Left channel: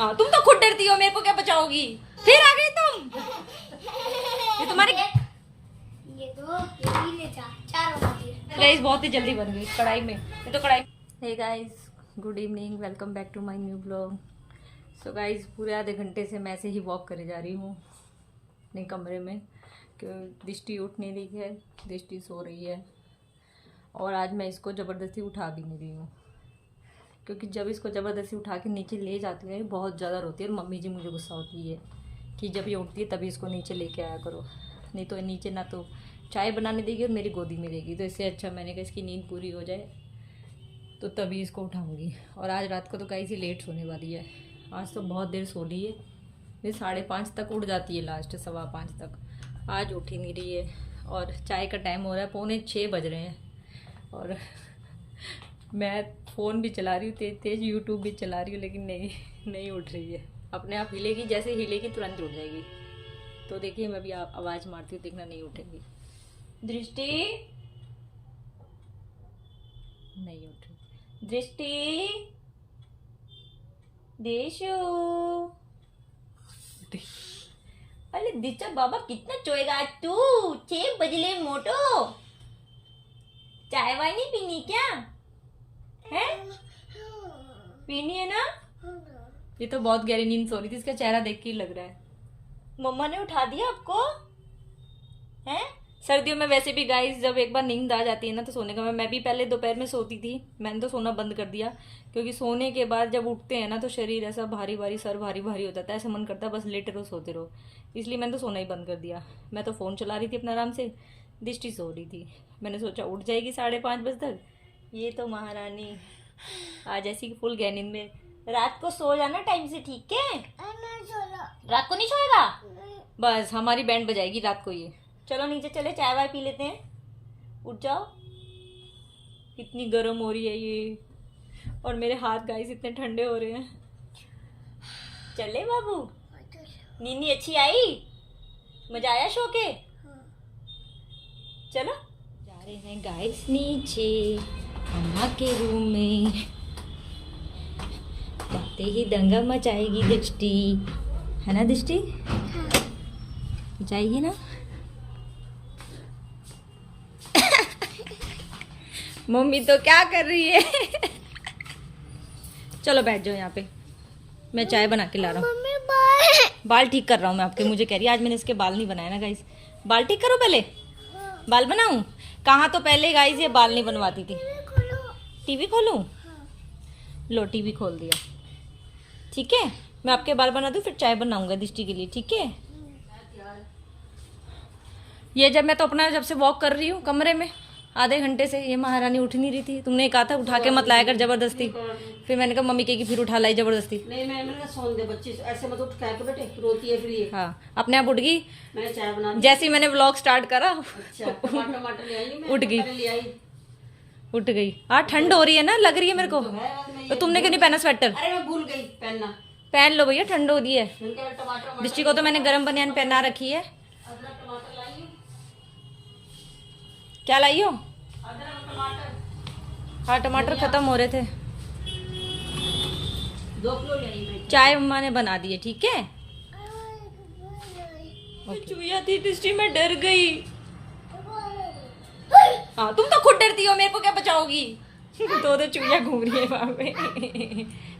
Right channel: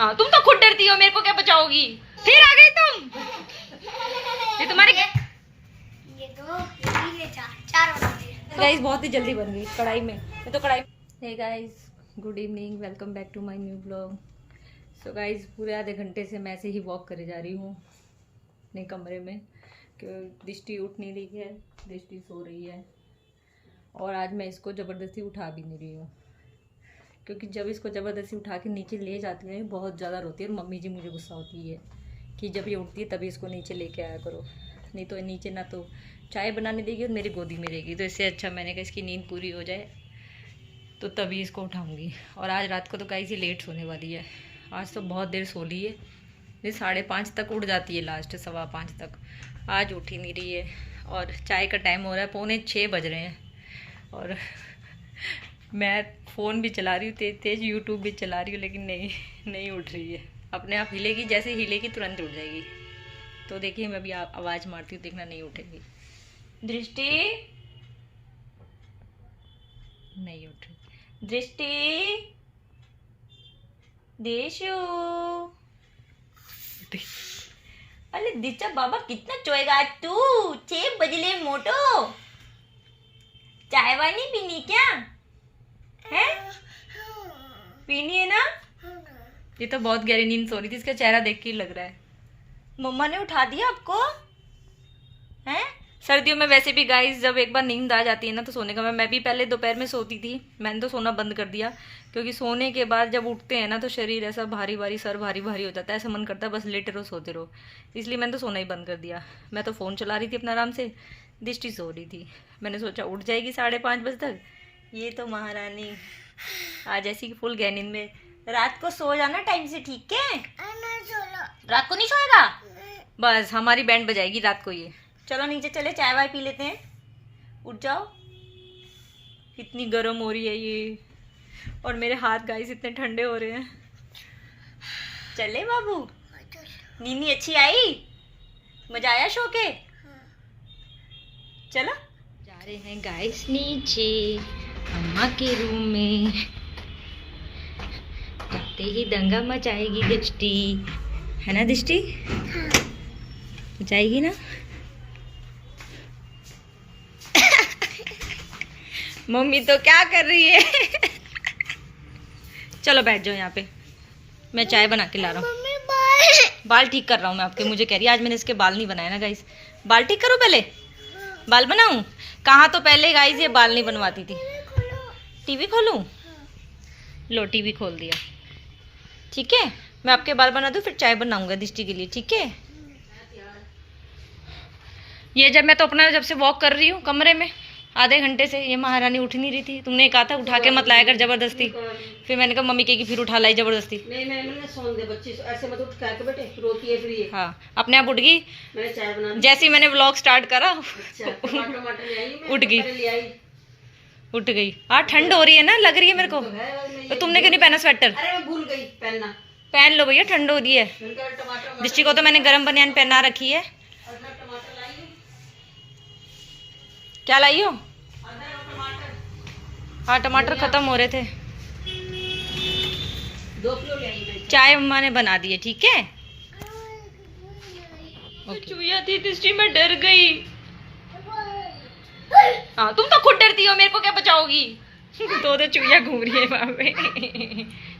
हाँ तुम तो खुद डरती हो, मेरे को क्या बचाओगी? फिर आ गई तुम। ये तुम्हारे ये तो ये चार बना दिए गाइस, बहुत ही जल्दी बन गई कढ़ाई में। ये तो कढ़ाई। Hey guys, good evening, welcome back to my new blog. So guys, पूरे आधे घंटे से मैं ऐसे ही वॉक करे जा रही हूँ अपने कमरे में, क्योंकि दृष्टि उठ नहीं रही है, दृष्टि सो रही है। और आज मैं इसको ज़बरदस्ती उठा भी नहीं रही हूँ, क्योंकि जब इसको ज़बरदस्ती उठा के नीचे ले जाती है बहुत ज़्यादा रोती है। और मम्मी जी मुझे गुस्सा होती है कि जब ये उठती है तभी इसको नीचे लेके आया करो, नहीं तो नीचे ना तो चाय बनाने देगी और मेरी गोदी में रहेगी। तो इससे अच्छा मैंने कहा इसकी नींद पूरी हो जाए तो तभी इसको उठाऊंगी। और आज रात को तो गाइस ये लेट सोने वाली है। आज तो बहुत देर सो ली है, ये 5:30 तक उठ जाती है, लास्ट 5:15 तक। आज उठ ही नहीं रही है। और चाय का टाइम हो रहा है, 5:45 बज रहे हैं। और मैं फ़ोन भी चला रही हूँ तेज़ तेज़, यूट्यूब भी चला रही हूँ, लेकिन नहीं उठ रही है। अपने आप हिलेगी, जैसे हिलेगी तुरंत उठ जाएगी। तो देखिए मैं अभी आवाज़ मारती हूँ, देखना नहीं उठेगी। दृष्टि नहीं उठ रही। दृष्टि, देशो, अरे दिचा बाबा कितना चोएगा तू? 6 बजले मोटो, चाय वाय नहीं पीनी क्या है? पीनी है ना? ये तो बहुत गहरी नींद सो रही थी, इसका चेहरा देख के ही लग रहा है। मम्मा ने उठा दिया आपको हैं? सर्दियों में वैसे भी गाइस जब एक बार नींद आ जाती है ना तो सोने का, मैं भी पहले दोपहर में सोती थी, मैंने तो सोना बंद कर दिया, क्योंकि सोने के बाद जब उठते हैं ना तो शरीर ऐसा भारी भारी, सर भारी भारी हो जाता है, ऐसा मन करता है बस लेटे रहो सोते रहो। इसलिए मैंने तो सोना ही बंद कर दिया। मैं तो फ़ोन चला रही थी अपना आराम से, दृष्टि सो रही थी। मैंने सोचा उठ जाएगी 5:30 बजे तक। ये तो महारानी आज ऐसी कि फुल गहरी नींद में। रात को सो जाना टाइम से, ठीक है? रात को नहीं सोएगा? बस हमारी बैंड बजाएगी रात को ये। चलो नीचे चले, चाय वाय पी लेते हैं। उठ जाओ, कितनी गर्म हो रही है ये। और मेरे हाथ गाइस इतने ठंडे हो रहे हैं। चले बाबू, नींद अच्छी आई? मजा आया शो के? चलो जा रहे हैं गाइस नीचे अम्मा के रूम में। जाते ही दंगा मचाएगी दृष्टि, है ना दृष्टि? जाएगी ना? मम्मी तो क्या कर रही है? चलो बैठ जाओ यहाँ पे, मैं चाय बना के ला रहा हूँ। बाल ठीक कर रहा हूँ मैं आपके। मुझे कह रही है आज मैंने इसके बाल नहीं बनाए ना गाइस। बाल ठीक करो पहले, बाल बनाऊँ? कहाँ तो पहले गाइस ये बाल नहीं बनवाती थी। टीवी खोलूँ? लो टीवी खोल दिया, ठीक है। मैं आपके बाल बना दूँ, फिर चाय बनाऊँगा दृष्टि के लिए, ठीक है? ये जब मैं तो अपना जब से वॉक कर रही हूँ कमरे में आधे घंटे से, ये महारानी उठ नहीं रही थी। तुमने कहा था उठा के मत लाया कर जबरदस्ती, फिर मैंने कहा मम्मी कहेगी फिर उठा लाई जबरदस्ती। नहीं मैंने सोन दे बच्ची ऐसे मत उठ के बेटे, रोती है फिर ये। हाँ अपने आप उठ गई। मैंने चाय बना दी। जैसे ही मैंने व्लॉग स्टार्ट करा टमाटर ले आई मैं, उठ गई, ले आई। उठ गई। हाँ ठंड हो रही है ना, लग रही है मेरे को। तो तुमने क्यों नहीं पहना स्वेटर? अरे मैं भूल गई पहनना। पहन लो भैया, ठंड हो रही है। टमाटर दृष्टि को तो मैंने गर्म बनियान पहना रखी है। लाई, क्या लाई हो? टमाटर हाँ टमाटर खत्म हो रहे थे। 2 किलो ले आई मैं। चाय अम्मा ने बना दी है, ठीक है? चूहिया थी दृष्टि, मैं डर गई। हाँ तुम तो खुद डरती हो, मेरे को क्या बचाओगी? दो चूहिया घूम रही है वहाँ पे।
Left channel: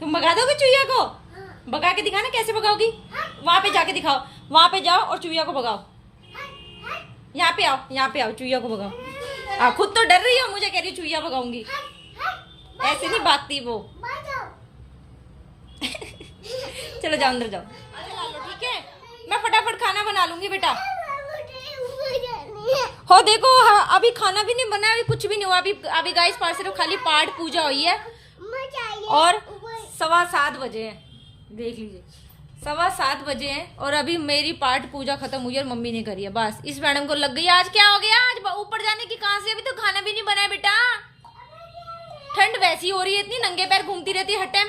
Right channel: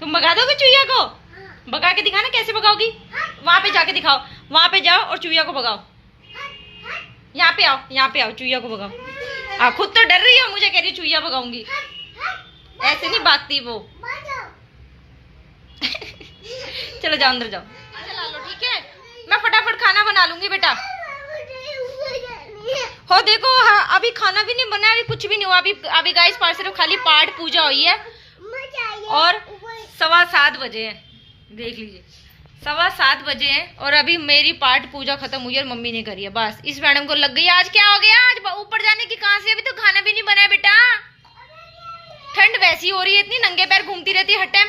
तुम भगा दोगे चूहिया को? भगा के दिखाना, कैसे भगाओगी? वहाँ पे जाके दिखाओ, वहाँ पे जाओ और चूहिया को भगाओ। यहाँ पे आओ, यहाँ पे आओ, चूहिया को भगाओ। खुद तो डर रही हो, मुझे कह रही चूहिया भगाऊंगी। ऐसे नहीं भागती वो। चलो जाओ अंदर जाओ, चला लो, ठीक है? मैं फटाफट खाना बना लूंगी बेटा। हो देखो, हाँ अभी खाना भी नहीं बना, अभी कुछ भी नहीं हुआ। अभी गाइस पास सिर्फ खाली पाठ पूजा हुई है और 7:15 बजे हैं। देख लीजिए 7:15 बजे हैं और अभी मेरी पाठ पूजा खत्म हुई है और मम्मी ने करी है। बस इस मैडम को लग गई आज क्या हो गया, आज ऊपर जाने की कहाँ से? अभी तो खाना भी नहीं बना है बेटा। ठंड वैसी हो रही है, इतनी नंगे पैर घूमती रहती है हर टाइम।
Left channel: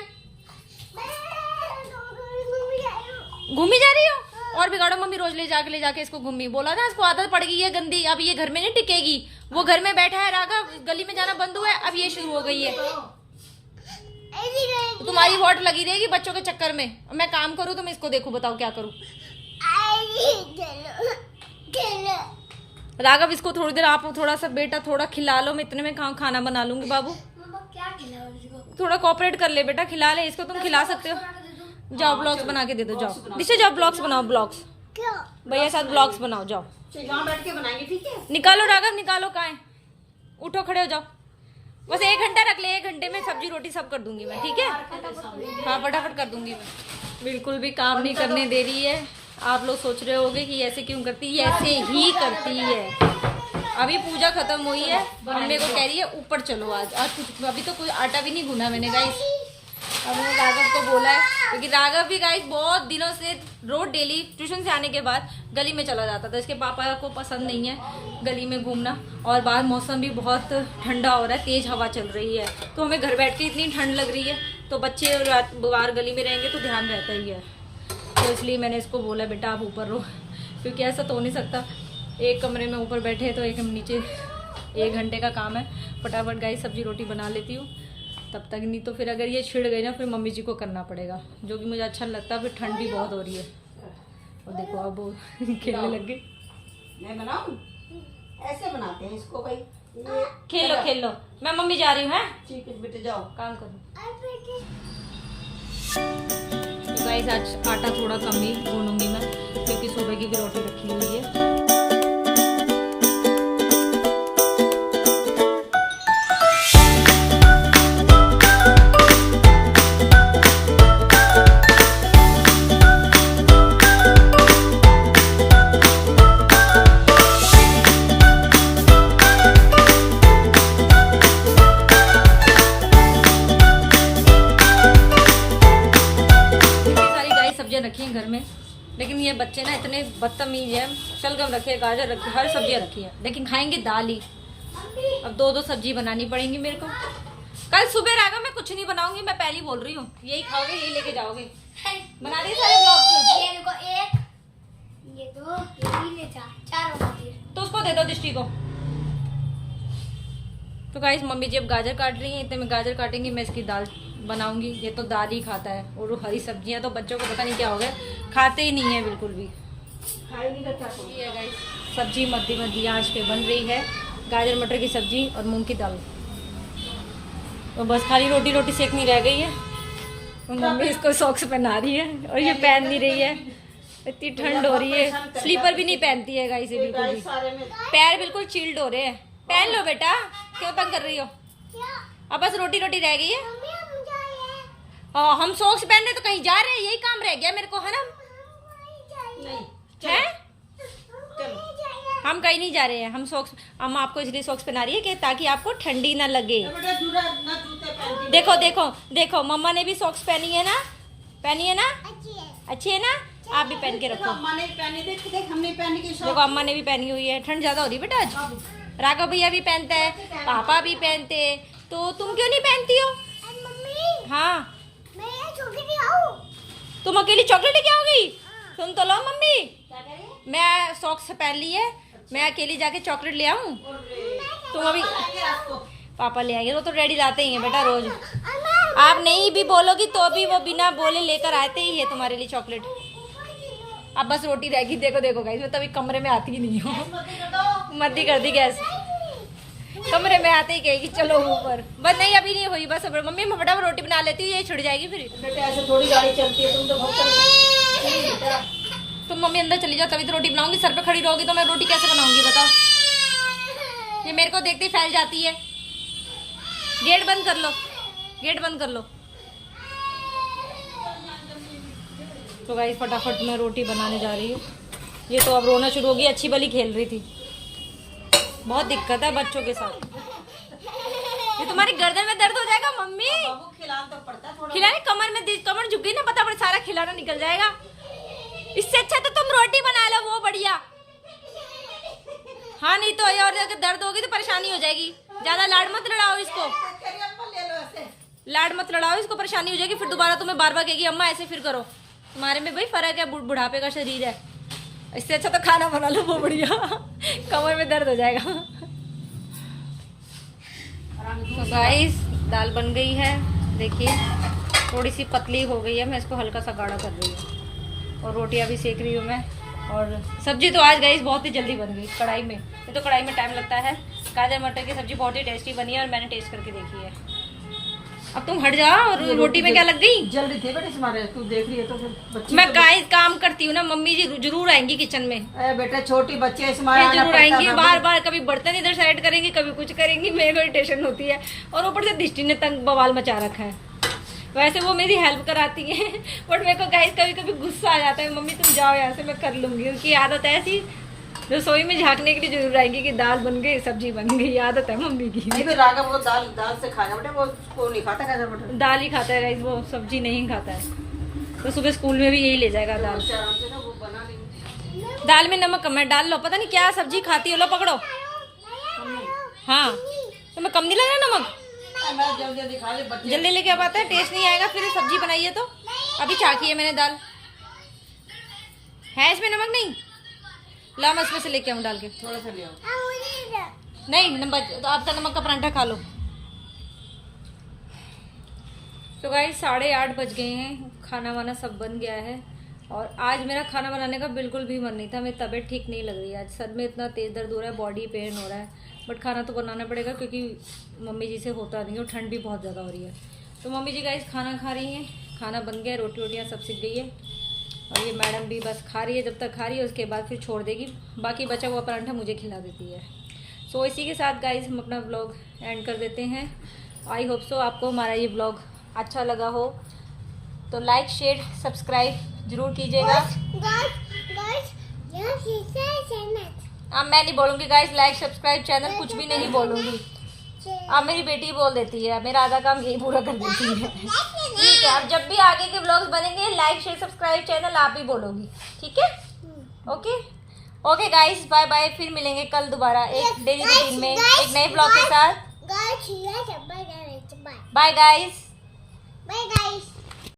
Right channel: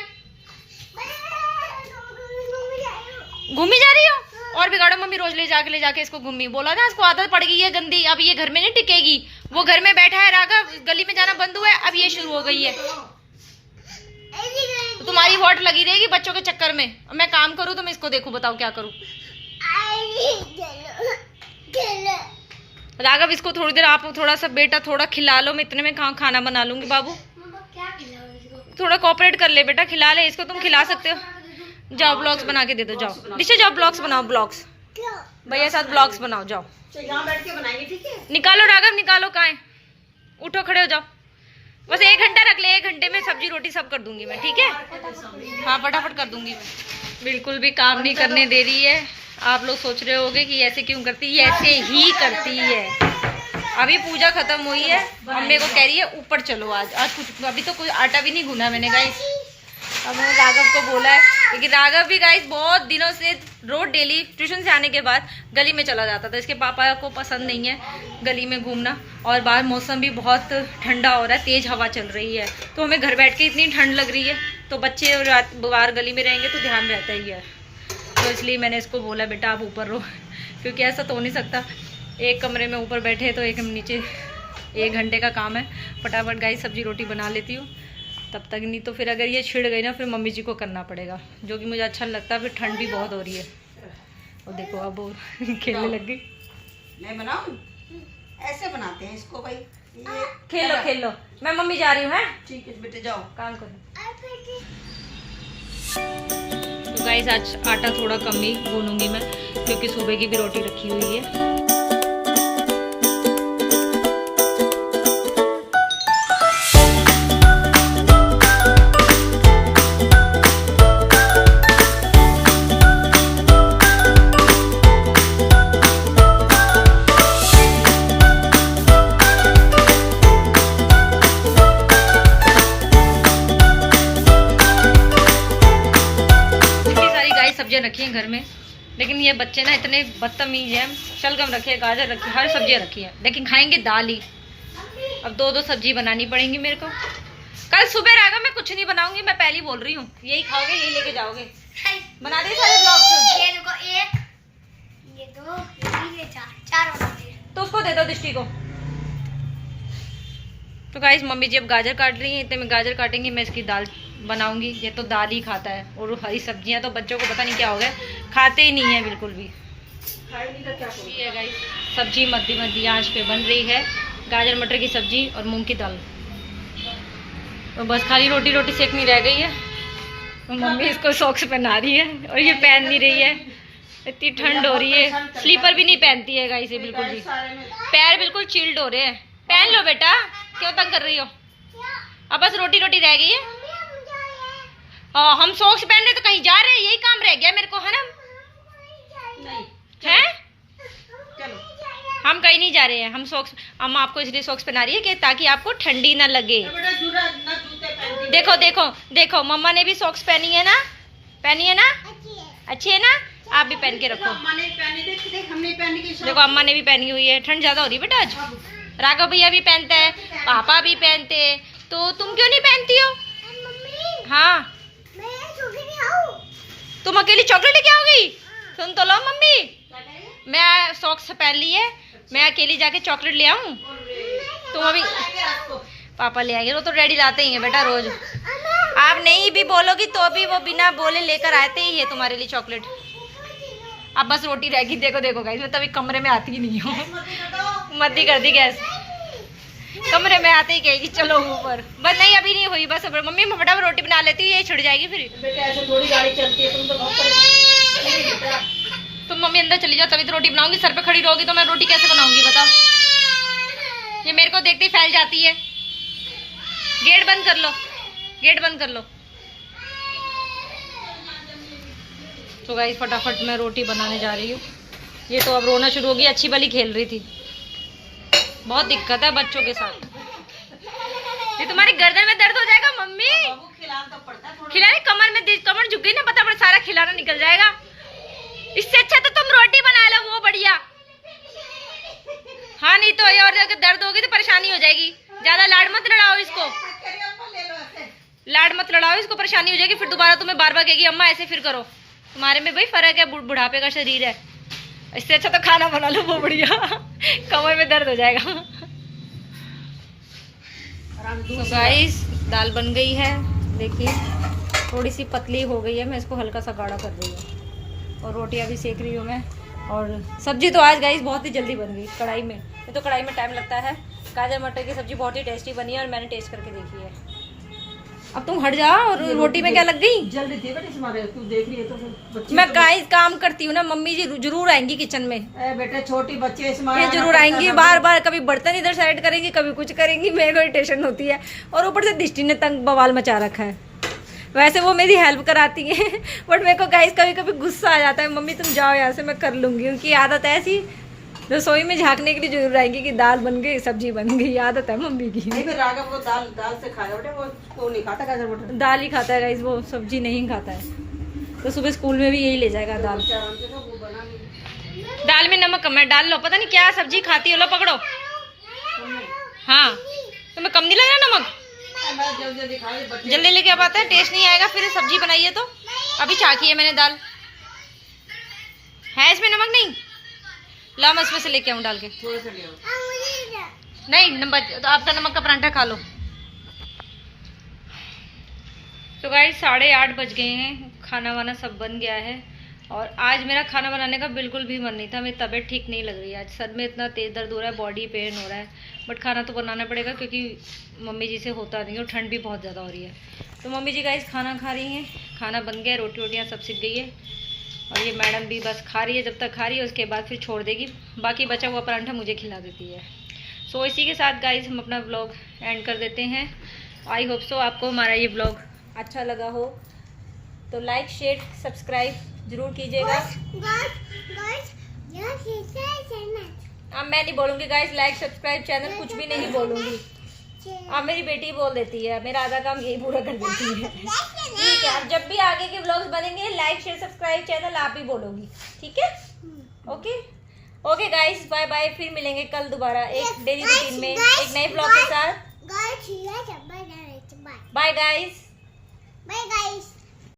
घूमी जा रही हो? और बिगाड़ो मम्मी, रोज ले जाके इसको घूमी। बोला था इसको आदत पड़ गई है गंदी, अब ये घर में नहीं टिकेगी। वो घर में बैठा है राघव, गली में जाना बंद हुआ है, अब ये शुरू हो गई है। तुम्हारी वॉट लगी रहेगी बच्चों के चक्कर में। अब मैं काम करूँ तो मैं इसको देखूँ, बताओ क्या करूँ। राघव इसको थोड़ी देर आप थोड़ा सा बेटा थोड़ा खिला लो, मैं इतने में खाना बना लूंगी। बाबू क्या खिलाऊं इसको? थोड़ा कोऑपरेट कर ले बेटा, खिला ले इसको, तुम खिला सकते हो। जाओ ब्लॉग्स बना के दे दो, जाओ दिशा जाओ ब्लॉग्स बनाओ, ब्लॉग्स क्या? भैया साथ ब्लॉग्स बनाओ, जाओ यहाँ बैठ के बनाएंगे, ठीक है? निकालो राघव निकालो, कहाँ है, उठो खड़े हो जाओ। बस 1 घंटा रख ले, 1 घंटे में सब्जी रोटी सब कर दूंगी मैं, ठीक है। हाँ फटाफट कर दूंगी मैं। बिल्कुल भी काम नहीं करने दे रही है। आप लोग सोच रहे होंगे कि ऐसे क्यों करती है, ऐसे ही करती है। अभी पूजा खत्म हुई है, मम्मी को कह रही है ऊपर चलो, आज कुछ अभी तो कोई आटा भी नहीं गूना मैंने गाइस। अब मैंने राघव को बोला है, क्योंकि राघव भी गाइस बहुत दिनों से रोज डेली ट्यूशन से आने के बाद गली में चला जाता था। इसके पापा को पसंद नहीं है गली में घूमना, और बाहर मौसम भी बहुत ठंडा हो रहा है, तेज हवा चल रही है, तो हमें घर बैठ के इतनी ठंड लग रही है, तो बच्चे रात बाहर गली में रहेंगे तो ध्यान रहता ही है। तो इसलिए मैंने इसको बोला बेटा आप ऊपर रहो, क्योंकि ऐसा तो हो नहीं सकता एक कमरे में ऊपर बैठे तो एक नीचे। 1 घंटे का काम है, फटाफट गाइस सब्जी रोटी बना लेती हूँ तब तक, नहीं तो फिर अगर ये छिड़ गई ना फिर मम्मी जी को करना पड़ेगा, जो कि मुझे अच्छा नहीं लगता। फिर ठंड भी बहुत हो रही है। और देखो अब वो खेलने लग गई। मैं बनाऊं? ऐसे बनाते हैं इसको भाई, ये खेलो खेलो, मैं मम्मी जा रही हूँ। है ठीक है बेटे, जाओ काम करो। तो गाइस आज आटा थोड़ा कम ही गूंदूंगी मैं, क्योंकि सुबह की भी रोटी रखी हुई है। सब्जियां रखी हैं घर में, लेकिन ये बच्चे ना इतने बदतमीज हैं। शलगम रखे, गाजर रखी, हर सब्जियां रखी है, लेकिन खाएंगे दाल ही। अब 2-2 सब्जी बनानी पड़ेंगी मेरे को। कल सुबह राघव मैं कुछ नहीं बनाऊंगी, मैं पहले ही बोल रही हूँ, यही खाओगे यही लेके जाओगे। बना दे सारे ब्लॉग। ये देखो 1, ये 2, ये 3, ये 4 बना दिए। तो उसको दे दो दृष्टि को। तो गाइस मम्मी जी अब गाजर काट रही हैं, इतने में गाजर काटेंगी, मैं इसकी दाल बनाऊंगी। ये तो दाल ही खाता है, और हरी सब्जियां तो बच्चों को पता नहीं क्या हो गया, खाते ही नहीं है बिल्कुल भी। ये है गाइस सब्जी मध्य आंच पे बन रही है, गाजर मटर की सब्जी और मूंग की दाल। और बस खाली रोटी सेकनी रह गई है। और मम्मी इसको सॉक्स पहना रही है, और ये पहन नहीं रही है, इतनी ठंड हो रही है। स्लीपर भी नहीं पहनती है गाइस ये बिल्कुल भी, पैर बिल्कुल चिल्ड हो रहे हैं। पहन लो बेटा, क्यों तंग कर रही हो। अब बस रोटी रह गई है। हाँ हम सॉक्स पहन रहे तो कहीं जा रहे हैं, यही काम रह गया मेरे को, है ना। हैं हम कहीं नहीं जा रहे हैं, हम सॉक्स, अम्मा आपको इसलिए सॉक्स पहना रही है कि ताकि आपको ठंडी ना लगे। देखो देखो देखो, मम्मा ने भी सॉक्स पहनी है ना, अच्छी है ना, आप भी पहन के रखो। देखो अम्मा ने भी पहनी हुई है, ठंड ज्यादा हो रही है बेटा आज। राघव भैया भी पहनता है, पापा भी पहनते हैं, तो तुम क्यों नहीं पहनती हो। हाँ तुम अकेली चॉकलेट लेके आओगी, सुन तो लो मम्मी, मैं सॉक्स पहन ली है, मैं अकेली जाके चॉकलेट ले आऊं। तुम अभी पापा ले आएंगे, वो तो रेडी लाते ही हैं बेटा रोज। आप नहीं भी बोलोगी तो भी वो बिना बोले लेकर आते ही है तुम्हारे लिए चॉकलेट। अब बस रोटी रहेगी। देखो देखो गाइस, मैं तभी कमरे में आती ही नहीं हूँ, मद्दी कर दी गैस, कमरे में आते ही कहेगी चलो ऊपर। बस नहीं अभी नहीं हुई, बस मम्मी मैं फटाफट रोटी बना लेती हूँ, ये छिड़ जाएगी फिर। बेटा ऐसे थोड़ी गाड़ी चलती है, तुम तो बहुत परेशान। तुम मम्मी अंदर चली जाओ तभी तो रोटी बनाऊंगी, सर पे खड़ी रहोगी तो मैं रोटी कैसे बनाऊंगी बताओ। ये मेरे को देखते ही फैल जाती है। गेट बंद कर लो, गेट बंद कर लो। तो गाइस फटाफट मैं रोटी बनाने जा रही हूँ। ये तो अब रोना शुरू होगी, अच्छी भली खेल रही थी। बहुत दिक्कत है बच्चों के साथ। ये तुम्हारी गर्दन में दर्द हो जाएगा मम्मी, खिलाने कमर में, कमर झुक गई ना, पता पड़ सारा खिलाना निकल जाएगा। इससे अच्छा तो तुम रोटी बना लो, वो बढ़िया। हाँ नहीं तो ये और दर्द होगी तो परेशानी हो जाएगी। ज्यादा लाड मत लड़ाओ इसको, लाड मत लड़ाओ इसको, परेशानी हो जाएगी फिर दोबारा तुम्हें बार बार कहेगी अम्मा ऐसे फिर करो। तुम्हारे में भाई फर्क है, बुढ़ापे का शरीर है। इससे अच्छा तो खाना बना लो, वो बढ़िया, कमर में दर्द हो जाएगा। तो गाइस दाल बन गई है, देखिए थोड़ी सी पतली हो गई है, मैं इसको हल्का सा गाढ़ा कर रही हूँ। और रोटियां भी सेक रही हूँ मैं। और सब्जी तो आज गाइस बहुत ही जल्दी बन गई कढ़ाई में, ये तो कढ़ाई में टाइम लगता है। गाजर मटर की सब्जी बहुत ही टेस्टी बनी है और मैंने टेस्ट करके देखी है। अब तुम हट जा। और रोटी में क्या लग गई? जल्दी थे बेटे तुम्हारे, तू देख रही है तो फिर बच्ची मैं गाइस काम करती हूँ ना, मम्मी जी जरूर आएंगी किचन में। बेटे छोटी बच्ची है ये इसमें जरूर आएंगी, बार बार कभी बर्तन इधर साइड करेंगी, कभी कुछ करेंगी, मेरे को इरिटेशन होती है। और ऊपर से दृष्टि ने तंग बवाल मचा रखा है। वैसे वो मेरी हेल्प कराती है बट मेरे को गाइस कभी कभी गुस्सा आ जाता है, मम्मी तुम जाओ यहाँ से, मैं कर लूंगी। उनकी आदत है ऐसी, रसोई में झांकने के लिए जरूर आएंगी कि दाल बन गई, सब्जी बन गई, आदत है मम्मी की। नहीं फिर राघव वो दाल से खाया बेटे, वो नहीं खाता गाजर मटर, दाल ही खाता है गाइस, वो सब्जी नहीं खाता है। तो सुबह स्कूल में भी यही ले जाएगा दाल। आराम से ना वो बना नहीं। दाल में नमक कम है, डाल लो। पता नहीं क्या सब्जी खाती हो, लो पकड़ो। हाँ तुम्हें कम नहीं लग रहा नमक? जल्दी खा ले बच्चे। जल्दी लेके अब आता है, टेस्ट नहीं आएगा फिर सब्जी बनाई है तो। अभी चाखी है मैंने दाल, है इसमें नमक नहीं? ला मैं इसमें से लेके आऊँ डाल के। थोड़ा सा लिया। नहीं नंबर तो आपका नमक का परांठा खा लो। तो गाइस 8:30 बज गए हैं, खाना वाना सब बन गया है। और आज मेरा खाना बनाने का बिल्कुल भी मन नहीं था, मेरी तबीयत ठीक नहीं लग रही है। आज सर में इतना तेज़ दर्द हो रहा है, बॉडी पेन हो रहा है, बट खाना तो बनाना पड़ेगा क्योंकि मम्मी जी से होता नहीं है और ठंड भी बहुत ज़्यादा हो रही है। तो मम्मी जी गाइस खाना खा रही हैं, खाना बन गया, रोटी वोटियाँ सब सीख गई है। और ये मैडम भी बस खा रही है, जब तक खा रही है उसके बाद फिर छोड़ देगी, बाकी बचा हुआ परांठा मुझे खिला देती है। सो इसी के साथ गाइस हम अपना व्लॉग एंड कर देते हैं। आई होप सो आपको हमारा ये व्लॉग अच्छा लगा हो, तो लाइक शेयर सब्सक्राइब जरूर कीजिएगा। अब मैं नहीं बोलूँगी गाइस लाइक सब्सक्राइब चैनल, कुछ भी नहीं बोलूँगी। अब मेरी बेटी बोल देती है, मेरा आधा काम यही पूरा कर देती है। ठीक है, अब जब भी आगे के व्लॉग्स बनेंगे लाइक शेयर सब्सक्राइब चैनल आप ही बोलोगी, ठीक है? Okay okay guys, bye bye. फिर मिलेंगे कल दोबारा एक डेली रूटीन में एक नए व्लॉग के साथ। Bye guys. Bye guys.